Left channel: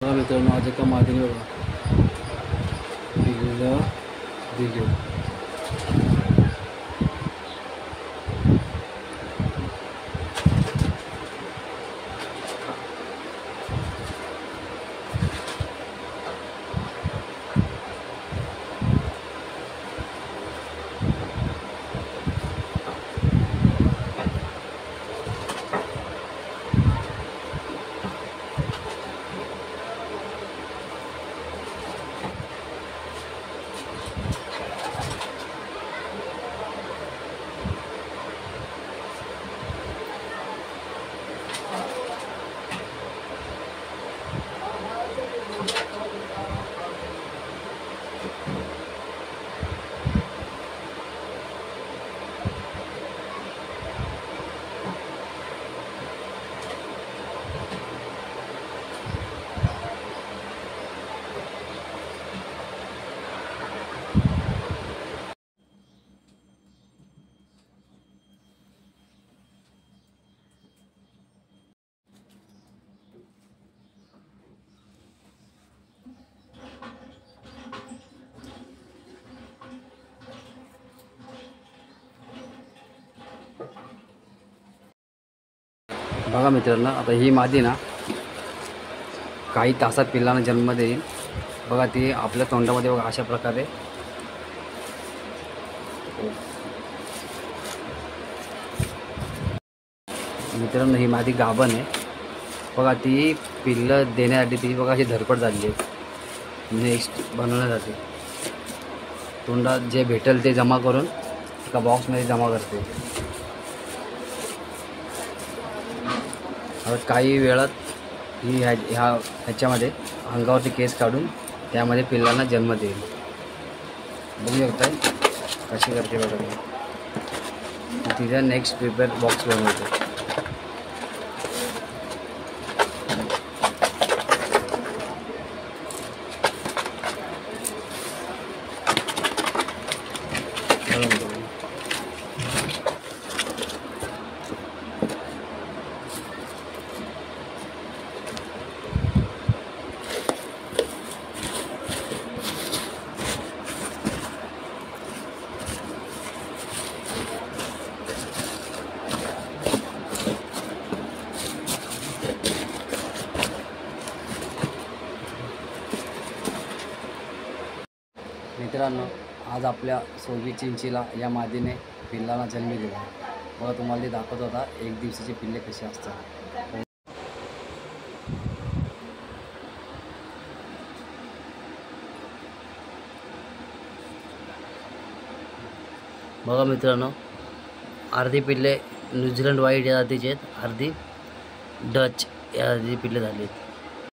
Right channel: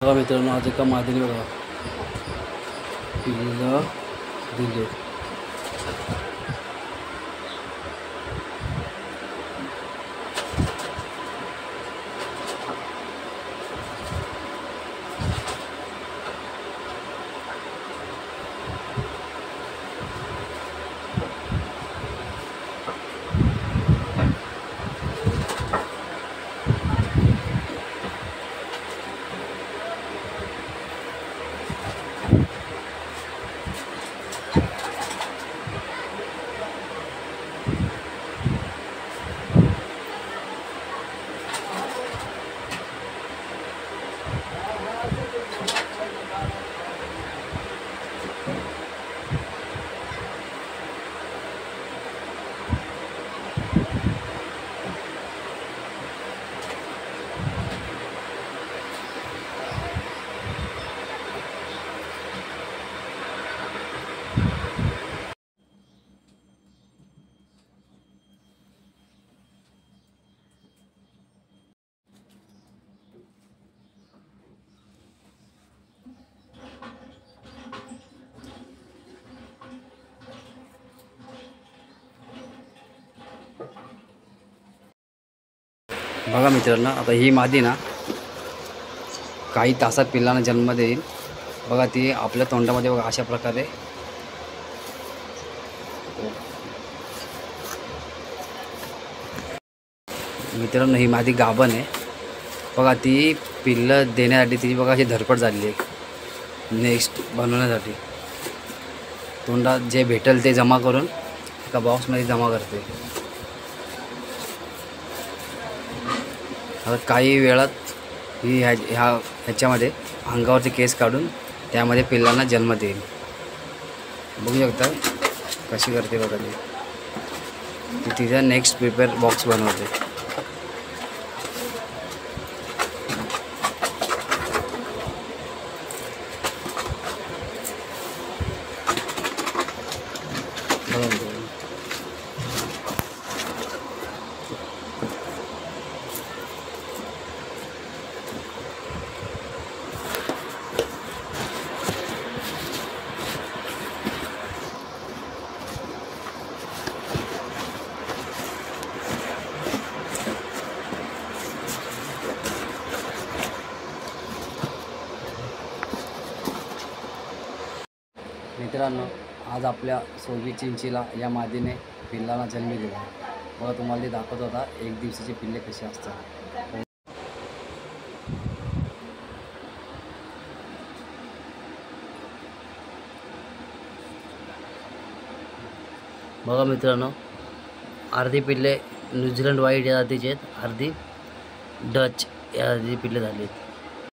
बघा मित्रांनो, आज एका मादीने बघा पिल्लं दिले. बघा मित्रांनो, आता ही मादी ना काही तासात पिल्लांना जन्म देईल. बघा ती आपल्या तोंडामध्ये बघा अशा प्रकारे मित्रांनो ही मादी गाभण आहे. बघा ती पिल्लं देण्यासाठी तिची बघा अशी धडपड झाली आहे नेक्स्ट बनवण्यासाठी. तोंडात जे भेटेल ते जमा करून एका बॉक्समध्ये जमा करते. आता काही वेळात ही ह्याच्यामध्ये अंगावरचे केस काढून त्यामध्ये पिल्लांना जन्म देईल. बघू शकता कशी करते बघा ती. तिचा नेक्स्ट प्रिपेअर बॉक्स बनवते. मित्रांनो, आज आपल्या सोबी चिंचीला या मादीने पिल्लांना जन्म दिला. बघा तुम्हाला ते दाखवत होता एक दिवसाचे पिल्ले कसे असतात. बघा मित्रांनो, अर्धी पिल्ले न्यूझीलंड व्हाईट या जातीचे आहेत, अर्धी डच या जातीची पिल्ले झाली आहेत.